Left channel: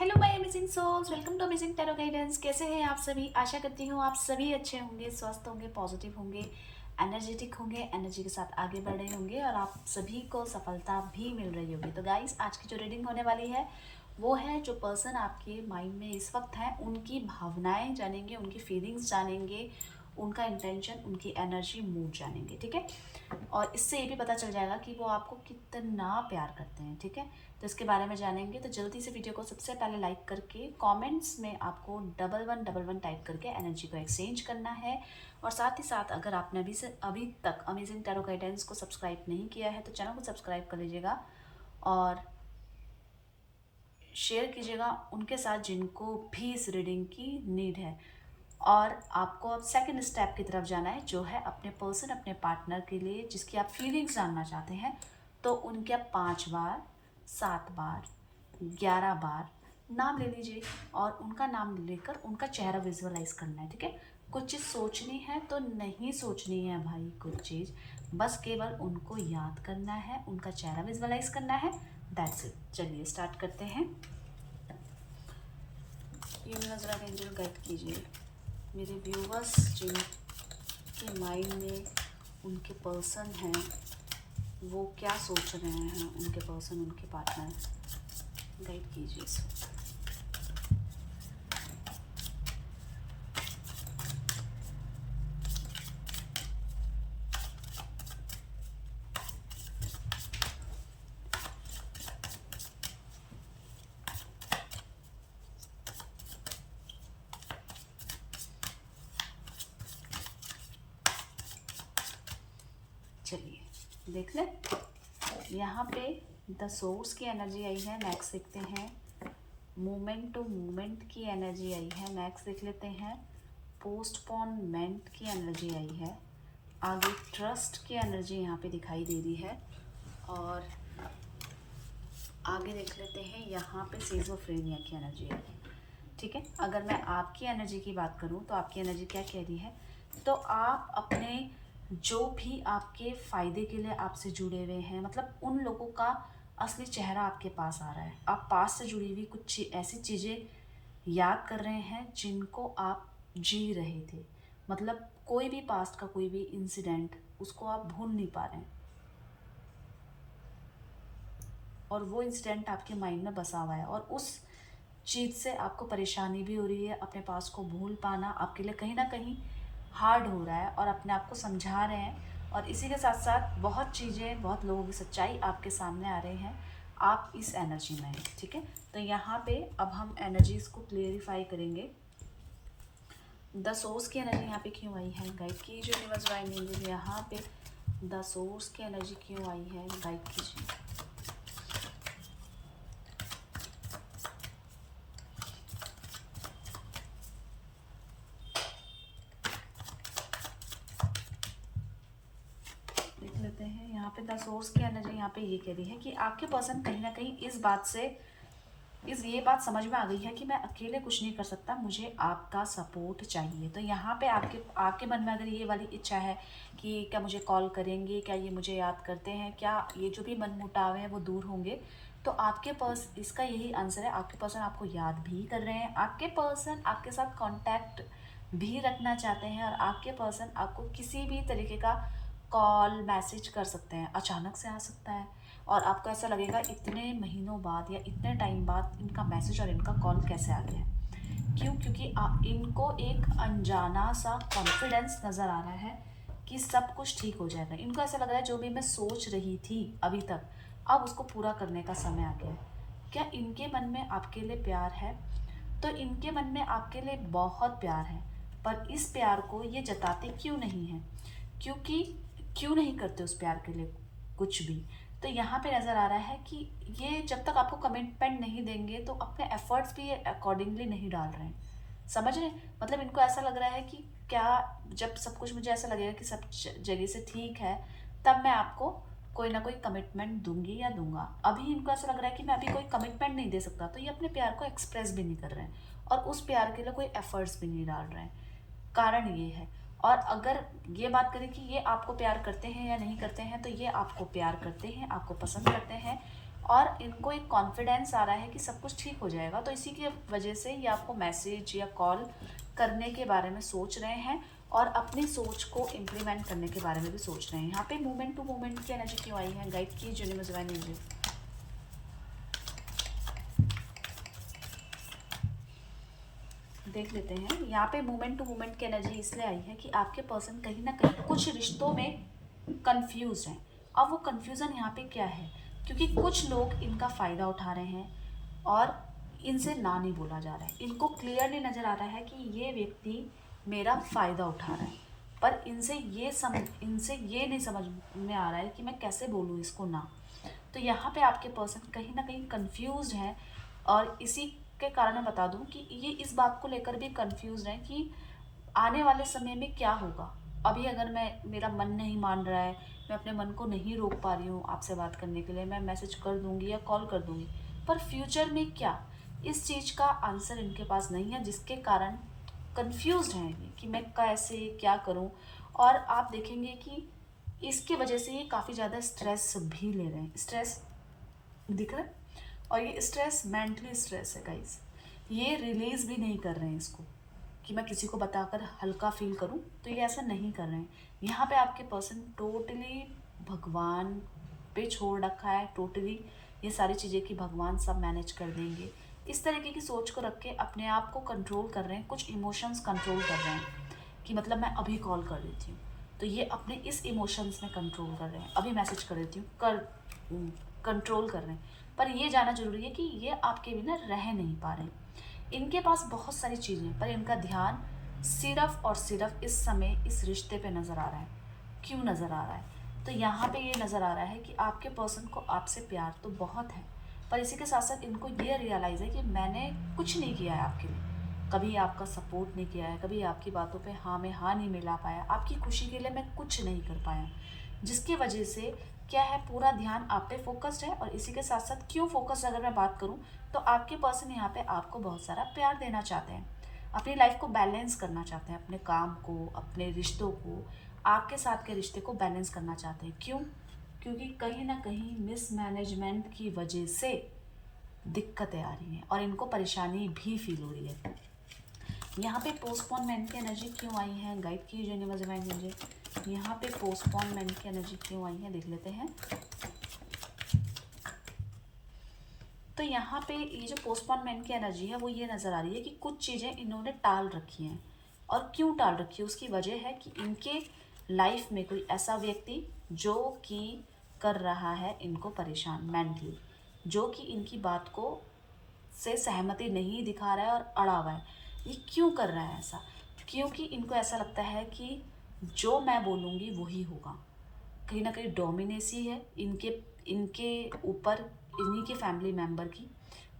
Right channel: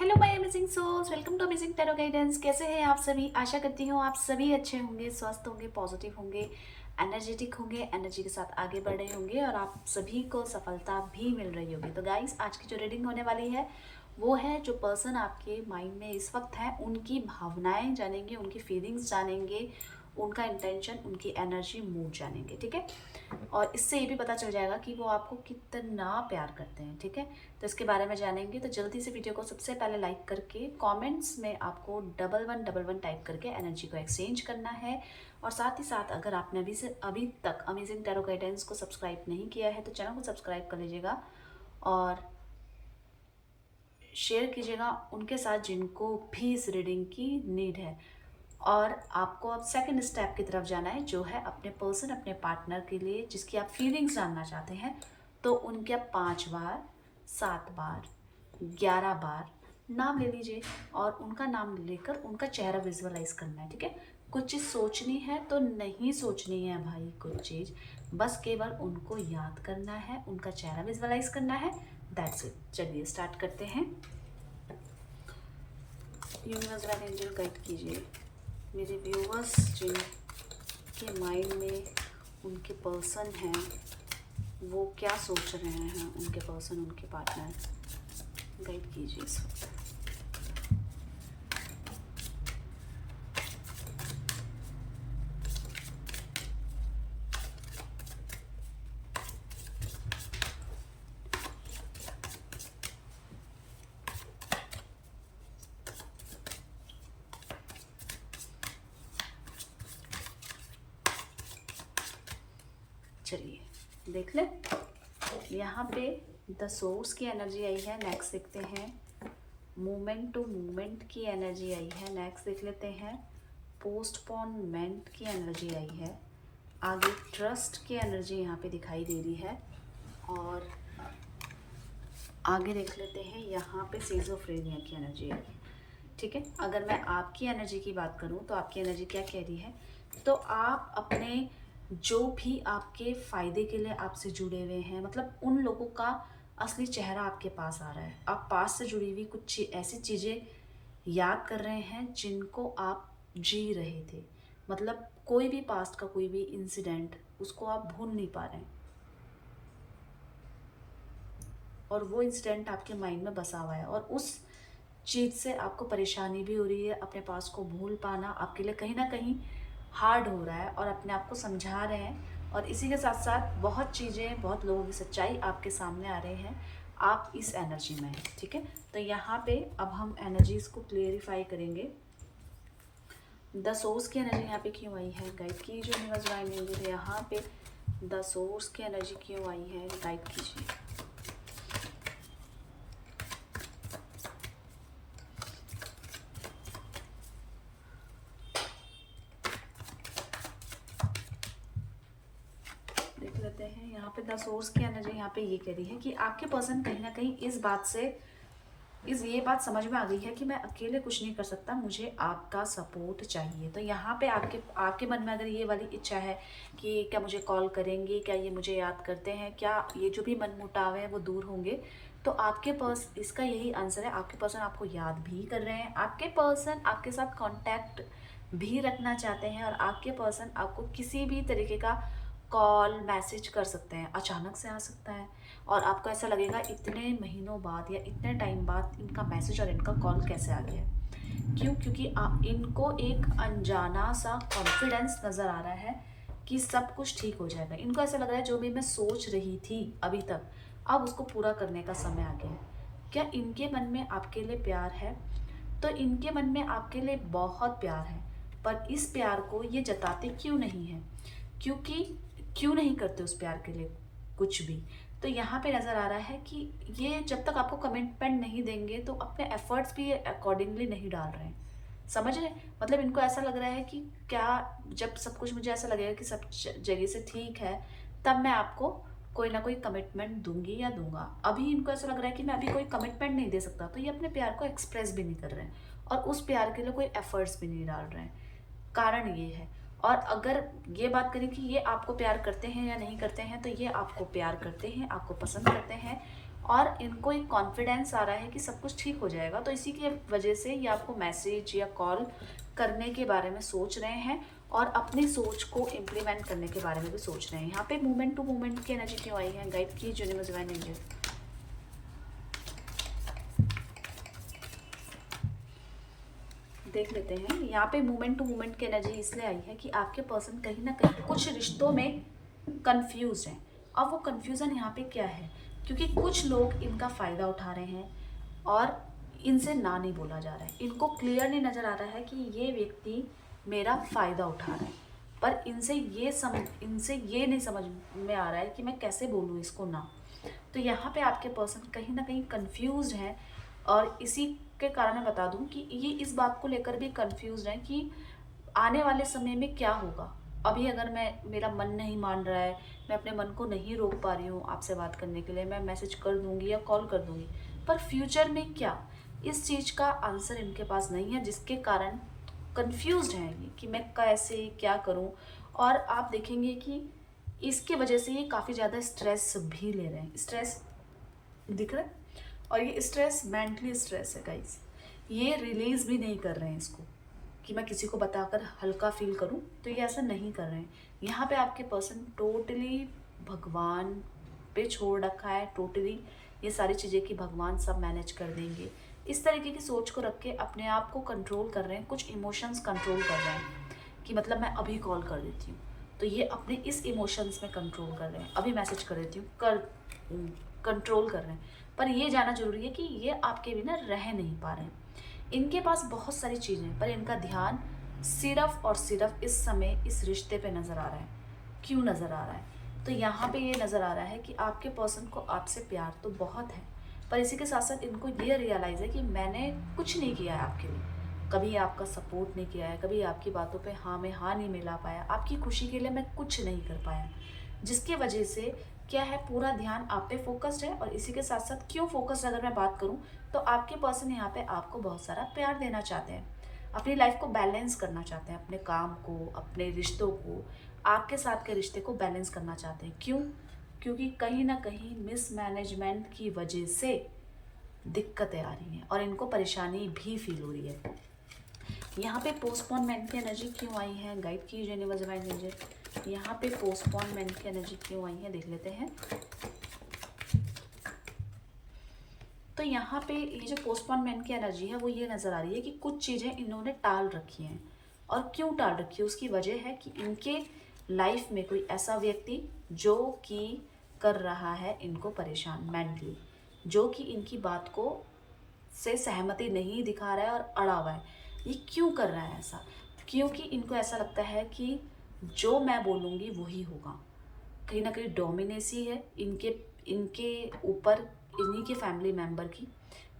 Hello my amazing souls, welcome to amazing tarot guidance. कैसे हैं आप सभी? आशा करती हूँ आप सभी अच्छे होंगे, स्वस्थ होंगे, पॉजिटिव होंगे, एनर्जेटिक होंगे, एनर्जी के साथ आगे बढ़ रहे होंगे और आप सभी को सफलता भी मिल रही होगी। तो गाइस, आज की जो रीडिंग होने वाली है वो है जो पर्सन आपके माइंड में इस वक्त है उनकी भावनाएं जानेंगे, उनकी फीलिंग्स जानेंगे, उनका इंटेंशन, उनकी एनर्जी, मूड जानेंगे। ठीक है, और इससे ये भी पता चल जाएगा कि वो आपको कितना प्यार करते हैं। ठीक है, तो इसके बारे में जानेंगे। तो जल्दी से वीडियो को सबसे पहले लाइक करके कमेंट्स में आपको 1111 टाइप करके एनर्जी को एक्सचेंज करना है। और साथ ही साथ अगर आपने अभी तक अमेजिंग टैरो गाइडेंस को सब्सक्राइब नहीं किया है तो चैनल को सब्सक्राइब कर लीजिएगा और शेयर कीजिएगा उनके साथ जिनको भी इस रीडिंग की नीड है। और आपको अब सेकंड स्टेप की तरफ जाना है, जो है अपने पर्सन, अपने पार्टनर के लिए जिसकी आप फीलिंग्स जानना चाहते हैं। तो उनके आप 5 बार, 7 बार, 11 बार नाम ले लीजिए और उनका नाम लेकर उनका चेहरा विजुअलाइज करना है। ठीक है, कुछ चीज़ सोचनी है तो नहीं सोचनी है भाई, कुछ चीज़ बस केवल उनको याद करना है, उनका चेहरा विजुअलाइज करना है। That's it. चलिए स्टार्ट करते हैं। यूनिवर्स वाले एंजल गाइड कीजिए मेरे व्यूवर्स जिनके माइंड में उनके पर्सन हैं, वो क्या सोच रहे हैं, उनके पर्सन, उनके पार्टनर, गाइड कीजिए इस वक्त। चलिए देख ले, यहाँ पे द सोर्स की एनर्जी आई है। नेक्स्ट देखते हैं मोमेंट टू मोमेंट की एनर्जी आई है। नेक्स्ट देख लेते हैं पोस्टपोनमेंट की एनर्जी आई है। आगे ट्रस्ट की एनर्जी यहाँ पे दिखाई दे रही है। और आगे देख लेते हैं यहाँ पे सिज़ोफ्रेनिया की एनर्जी आई है। ठीक है, अगर मैं आपकी एनर्जी की बात करूँ तो आपकी एनर्जी क्या कह रही है? तो आप अपने जो भी आपके फ़ायदे के लिए आपसे जुड़े हुए हैं, मतलब उन लोगों का असली चेहरा आपके पास आ रहा है। आप पास से जुड़ी हुई कुछ ऐसी चीज़ें याद कर रहे हैं जिनको आप जी रहे थे। मतलब कोई भी पास्ट का कोई भी इंसिडेंट, उसको आप भूल नहीं पा रहे हैं और वो इंसिडेंट आपके माइंड में बसा हुआ है और उस चीज़ से आपको परेशानी भी हो रही है। अपने पास को भूल पाना आपके लिए कहीं ना कहीं हार्ड हो रहा है और अपने आप को समझा रहे हैं। और इसी के साथ साथ बहुत चीज़ें, बहुत लोगों की सच्चाई आपके सामने आ रहे हैं। आप इस एनर्जी में हैं। ठीक है, तो यहाँ पे अब हम एनर्जीज को क्लियरिफाई करेंगे। द सोर्स की एनर्जी यहाँ पे क्यों आई है? गाइड कीजिए यूनिवर्स वाइड एंजल। यहाँ पे द सोर्स की एनर्जी क्यों आई है? गाइड कीजिए। देख लेते हैं यहाँ पे द सोर्स की एनर्जी यहाँ पे ये कह रही है कि आपके पर्सन कहीं ना कहीं इस बात से ये बात समझ में आ गई है कि मैं अकेले कुछ नहीं कर सकता, मुझे आपका सपोर्ट चाहिए। तो यहाँ पे आपके आपके मन में अगर ये वाली इच्छा है कि क्या मुझे कॉल करेंगे, क्या ये मुझे याद करते हैं, क्या ये जो भी मनमुटाव है वो दूर होंगे, तो आपके इसका यही आंसर है। आपके पर्सन आपको याद भी कर रहे हैं, आपके पर्सन आपके साथ कॉन्टैक्ट भी रखना चाहते हैं और आपके पर्सन आपको किसी भी तरीके का कॉल मैसेज कर सकते हैं। अचानक से आ सकता है और आपको ऐसा लगेगा इतने महीनों बाद या इतने टाइम बाद इनका मैसेज और इनका कॉल कैसे आ गया है। क्यों? क्योंकि इनको एक अनजाना सा कॉन्फिडेंस नज़र आ रहा है कि सब कुछ ठीक हो जाएगा। इनको ऐसा लग रहा है जो भी मैं सोच रही थी अभी तक, अब उसको पूरा करने का समय आ गया है। क्या इनके मन में आपके लिए प्यार है? तो इनके मन में आपके लिए बहुत प्यार है, पर इस प्यार को ये जताते क्यों नहीं हैं? क्योंकि क्यों नहीं करते उस प्यार के लिए कुछ भी? तो यहाँ पे नज़र आ रहा है कि ये जब तक आपको कमिटमेंट नहीं देंगे तो अपने एफर्ट्स भी अकॉर्डिंगली नहीं डाल रहे हैं। समझ रहे हैं? मतलब इनको ऐसा लग रहा है कि क्या जब सब कुछ मुझे ऐसा लगेगा कि सब जगह से ठीक है, तब मैं आपको कोई ना कोई कमिटमेंट दूंगी या दूंगा। अभी इनको ऐसा लग रहा है कि मैं अभी कोई कमिटमेंट नहीं दे सकता, तो ये अपने प्यार को एक्सप्रेस भी नहीं कर रहे हैं और उस प्यार के लिए कोई एफर्ट्स भी नहीं डाल रहे हैं। कारण ये है। और अगर ये बात करें कि ये आपको प्यार करते हैं या नहीं करते हैं, तो ये आपको प्यार करते हैं, आपको पसंद करते हैं और इनको एक कॉन्फिडेंस आ रहा है कि सब कुछ ठीक हो जाएगा। तो इसी की वजह से ये आपको मैसेज या कॉल करने के बारे में सोच रहे हैं और अपनी सोच को इम्प्लीमेंट करने के बारे में भी सोच रहे हैं। यहाँ पे मूवमेंट टू मूवमेंट की एनर्जी क्यों आई है? गाइड कीजिए यूनिवर्स डिवाइन एंजल। देख लेते हैं। यहाँ पे मूवमेंट टू मूवमेंट की एनर्जी इसलिए आई है कि आपके पर्सन कहीं ना कहीं कुछ रिश्तों में कंफ्यूज हैं। अब वो कंफ्यूजन यहाँ पे क्या है? क्योंकि कुछ लोग इनका फ़ायदा उठा रहे हैं और इनसे ना नहीं बोला जा रहा है। इनको क्लियर नहीं नज़र आ रहा है कि ये व्यक्ति मेरा फ़ायदा उठा रहा है, पर इनसे ये नहीं समझ में आ रहा है कि मैं कैसे बोलूँ इसको ना। तो यहाँ पे आपके पर्सन कहीं ना कहीं कंफ्यूज हैं और इसी के कारण मैं बता दूं कि ये इस बात को लेकर भी कंफ्यूज हैं कि आने वाले समय में क्या होगा। अभी अगर मेरा मन नहीं मान रहा है, मैं अपने मन को नहीं रोक पा रही हूँ आपसे बात करने के लिए, मैं मैसेज कर दूंगी या कॉल कर दूंगी, पर फ्यूचर में क्या, इस चीज़ का आंसर इनके पास नहीं है, जिसके कारण कंफ्यूज हैं ये कि मैं कैसे क्या करूं। और आप देखेंगे कि इसके वजह से ये काफ़ी ज़्यादा स्ट्रेस भी ले रहे हैं। स्ट्रेस दिख रहा है, और ये स्ट्रेस मेंटली स्ट्रेस है गाइस। ये रिलीज भी नहीं कर रहे हैं इसको कि मैं किसी को बताकर हल्का फील करूं, तो ये ऐसा नहीं कर रहे हैं। यहाँ पे आपके पर्सन टोटली भगवान पे छोड़ रखा है, टोटली ये सारी चीज़ें कि भगवान सब मैनेज कर देंगे, इस तरीके की सोच को रख के अपने आप को कंट्रोल कर रहे हैं, कुछ इमोशंस कंट्रोल कर रहे हैं कि मतलब मैं अभी कॉल कर देती हूँ, तो ये अपने इस इमोशंस में कंट्रोल कर रहे हैं, अभी मैसेज कर देती हूँ कंट्रोल कर रहे हैं। पर ये जाना जरूरी है कि ये आपके बिना रह नहीं पा रहे हैं। इनके पास बहुत सारी चीज़ें, पर इनका ध्यान सिर्फ और सिर्फ इस समय इस रिश्ते पे नज़र आ रहा है। क्यों नज़र आ रहा है? तो यहाँ पे ये नज़र आ रहा है कि आपके पर्सन को आपसे प्यार तो बहुत है, पर इसी के साथ साथ इनको ये रियलाइज़ है कि मैंने कुछ नहीं किया है आपके लिए, कभी आपका सपोर्ट नहीं किया है, कभी आपकी बातों पे हाँ में हाँ नहीं मिला पाया, आपकी खुशी के लिए मैं कुछ नहीं कर पाया, जिसकी वजह से क्या है, पूरा ध्यान आप पे फोकस्ड है। और इसी के साथ साथ क्यों फोकस्ड अगर मैं बात करूं, तो आपके पर्सन यहाँ पे आपको बहुत सारा प्यार देना चाहते हैं, अपनी लाइफ को बैलेंस करना चाहते हैं, अपने काम को, अपने रिश्तों को, आपके साथ के रिश्ते को बैलेंस करना चाहते हैं। क्यों? क्योंकि कहीं ना कहीं मिसमैनेजमेंट की वजह से दिक्कतें आ रही हैं और इनको परेशानी भी फील हो रही है। यहाँ पे पोस्टपोनमेंट की एनर्जी क्यों आई है? गाइड की यूनिवर्स डिवाइन एंजल। यहाँ पे पोस्टपोनमेंट की एनर्जी क्यों आई है, देख लेते हैं। तो यहाँ पे ये जो पोस्टपोनमेंट की एनर्जी है वो ये नज़र आ रही है कि कुछ चीज़ें इन्होंने टाल रखी हैं। और क्यों टाल रखी है? उसकी वजह है कि इनके लाइफ में कोई ऐसा व्यक्ति जो कि कर रहा है इनको परेशान मेंटली, जो कि इनकी बात को से सहमति नहीं दिखा रहा है और अड़ा हुआ है। ये क्यों कर रहा है ऐसा? क्योंकि इनको ऐसा लगता है कि जो मैं बोलूँगी वही होगा। कहीं ना कहीं डोमिनेसी है इनके ऊपर, इन्हीं के फैमिली मेम्बर की,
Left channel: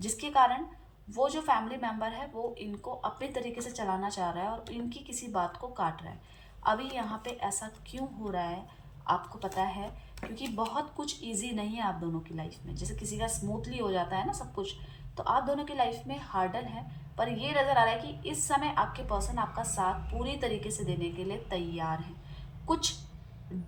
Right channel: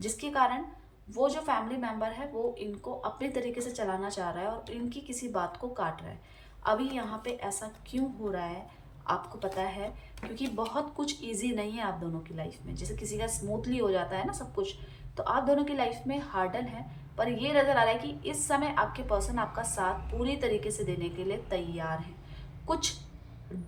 जिसके कारण वो जो फैमिली मेम्बर है वो इनको अपने तरीके से चलाना चाह रहा है और इनकी किसी बात को काट रहा है। अभी यहाँ पे ऐसा क्यों हो रहा है आपको पता है? क्योंकि बहुत कुछ इजी नहीं है आप दोनों की लाइफ में। जैसे किसी का स्मूथली हो जाता है ना सब कुछ, तो आप दोनों की लाइफ में हार्डल है। पर ये नज़र आ रहा है कि इस समय आपके पर्सन आपका साथ पूरी तरीके से देने के लिए तैयार हैं। कुछ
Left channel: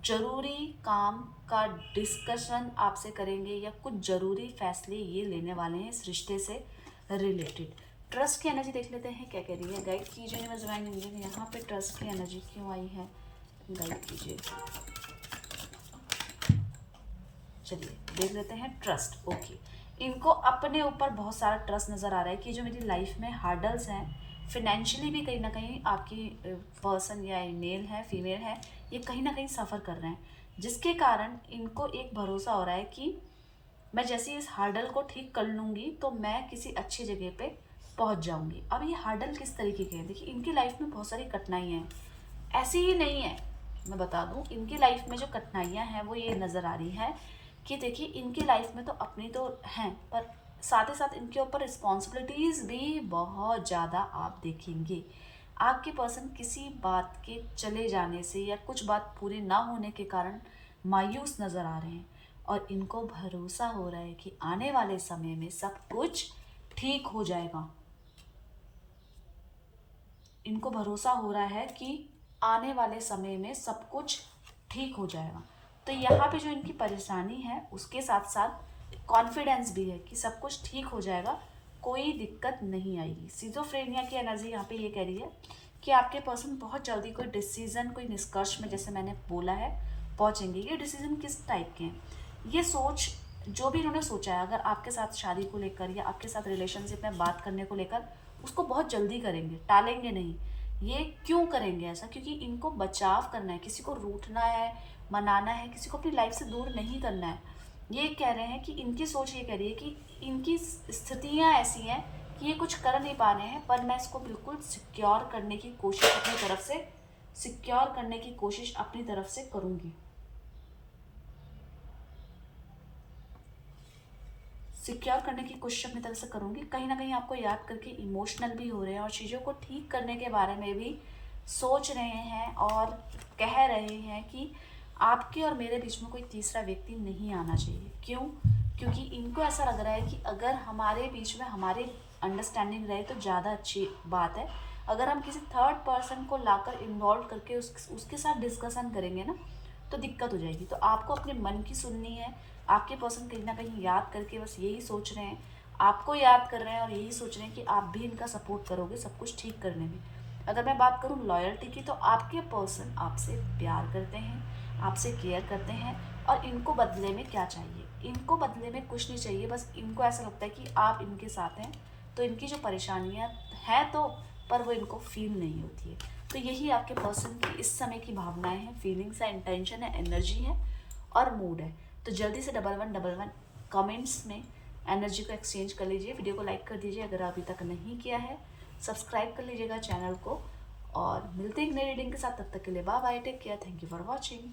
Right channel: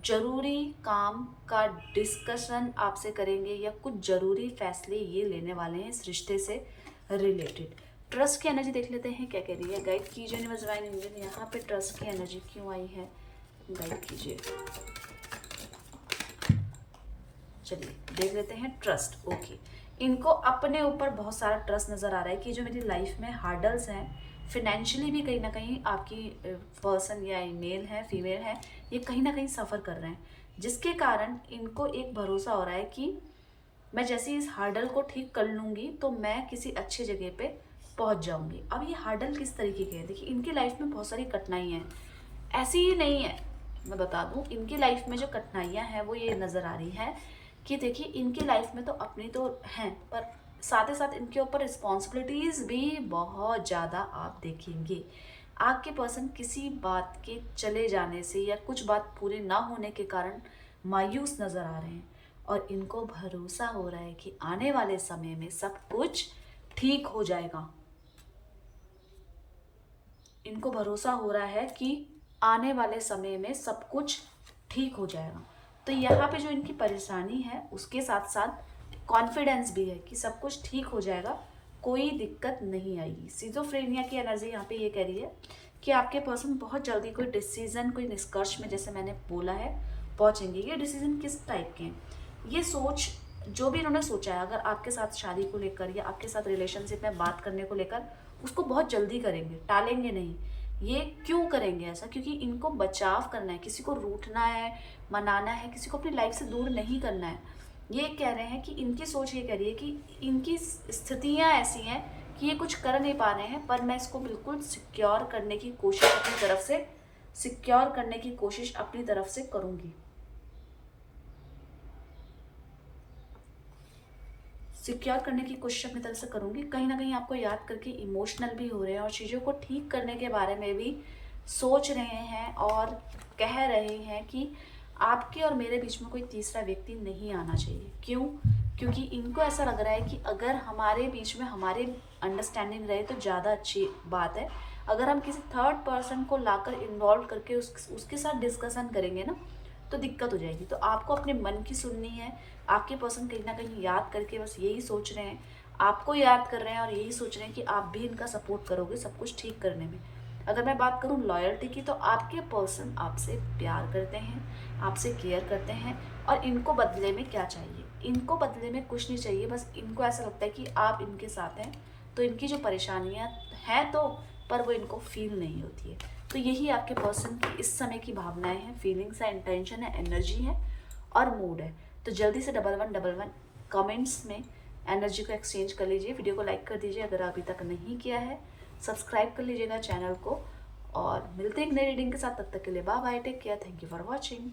जरूरी काम का डिस्कशन आपसे करेंगे या कुछ जरूरी फैसले ये लेने वाले हैं इस रिश्ते से रिलेटेड। ट्रस्ट की एनर्जी देख लेते हैं क्या कह रही है। गाइड कीजिए यूनिवर्स डिवाइन एंजल। यहाँ पे ट्रस्ट की एनर्जी क्यों आई है, गाइड कीजिए। चलिए देख लेते हैं ट्रस्ट। ओके, इनको अपने ऊपर बहुत सारा ट्रस्ट नज़र आ रहा है कि जो मेरी लाइफ में हार्डल्स हैं, फिनेंशियली भी कहीं ना कहीं आपकी पर्सन या मेल है फीमेल है, ये कहीं ना कहीं सफ़र कर रहे हैं, जिसके कारण इनको एक भरोसा हो रहा है कि मैं जैसे इस हार्डल को ठीक कर लूँगी तो मैं किसी अच्छी जगह पे पहुँच जाऊँगी। अब ये हार्डल किस तरीके के हैं? देखिए इनकी लाइफ में बहुत सारी कठिनाइयाँ हैं, ऐसी ही नहीं है। मैं बता दूँ इनकी लाइफ में जो कठिनाइयाँ हैं वो ये नज़र आ रही है कि देखिए इनकी लाइफ में तो अपनी तो हैं, पर साथ ही साथ इनके ऊपर रिस्पॉन्सिबिलिटीज़ भी बहुत ज़्यादा आप देखेंगे। आपके पर्सन किसी बात के चले जाने से या कुछ बात पूरी ना होने के कारण मायूस नज़र आ रहे हैं और इनको भरोसा हो रहा है कि आने वाले समय में सब कुछ ठीक हो जाएगा। इनको भरोसा हो रहा है कि आने वाले समय में सब कुछ ठीक हो जाएगा। तो यहाँ पे जो इनकी परेशानी है उसके साथ साथ कॉन्फिडेंस भी है कि सब कुछ ठीक हो जाएगा, कोई दिक्कत नहीं आएगी। सिजोफ्रेनिया की एनर्जी यहाँ पे ये कह रही है कि आपके पर्सन बहुत जल्दी कोई डिसीजन, कोई निष्कर्ष में, जैसे मैंने बोला है, पहुंचेंगे। ये डिसीजन किस टाइप के हैं, ये सोच जो भी इन्होंने सोचा है, अगर आपके साथ शादी को लेकर या आपके साथ रिलेशनशिप में बात करने को लेकर, उसको बहुत जल्दी करेंगे, टालेंगे नहीं। ये क्यों करेंगे ऐसा? क्योंकि इनको बचाव करना है, किसी को रूठना है, मनाना है, किसी को अपनी लाइफ से दूर नहीं करना है। ये कह रहे हैं कि इनकी सोच ये कह रही है कि इनकी स्थितियां ऐसी हैं कि ये कुछ कर नहीं पा रहे हैं, पर मैं इसको बिल्कुल सिक्योर करने की कोशिश अपनी तरफ से, सिक्योर करने की कोशिश अपनी तरफ से करूंगी। सिक्योर करने की कोशिश अपनी तरफ से करूंगी। कहीं ना कहीं आपको याद करके इमोशनल भी हो रहे हैं और चीज़ों को ठीक करने के बारे में भी सोच रहे हैं और कह रहे हैं कि आपके और मेरे बीच में कोई तीसरा व्यक्ति नहीं आना चाहिए। क्यों? क्योंकि इनको ऐसा लग रहा है कि अगर हमारे बीच में हमारी अंडरस्टैंडिंग रहे तो ज़्यादा अच्छी बात है। अगर हम किसी थर्ड पर्सन को लाकर इन्वॉल्व करके उसके साथ डिस्कशन करेंगे ना, तो दिक्कत हो जाएगी। तो आपको अपने मन की सुननी है। आपके पर्सन कहीं ना कहीं याद करके बस यही सोच रहे हैं, आपको याद कर रहे हैं और यही सोच रहे हैं कि आप भी इनका सपोर्ट करोगे सब कुछ ठीक करने में। अगर मैं बात करूं लॉयल्टी की, तो आपके पर्सन आपसे प्यार करते हैं, आपसे केयर करते हैं, और इनको बदले में क्या चाहिए? इनको बदले में कुछ नहीं चाहिए, बस इनको ऐसा लगता है कि आप इनके साथ हैं, तो इनकी जो परेशानियां हैं तो, पर वो इनको फील नहीं होती है। तो यही आपके पर्सन की इस समय की भावनाएं हैं, फीलिंग्स है, इंटेंशन है, एनर्जी है और मूड है। तो जल्दी से 1111 कमेंट्स में एनर्जी को एक्सचेंज कर लीजिए। वीडियो को लाइक कर दीजिए अगर अभी तक नहीं किया है, सब्सक्राइब कर लीजिएगा चैनल को, और मिलते हैं एक नई रीडिंग के साथ। तब तक के लिए bye bye, take care, thank you for watching.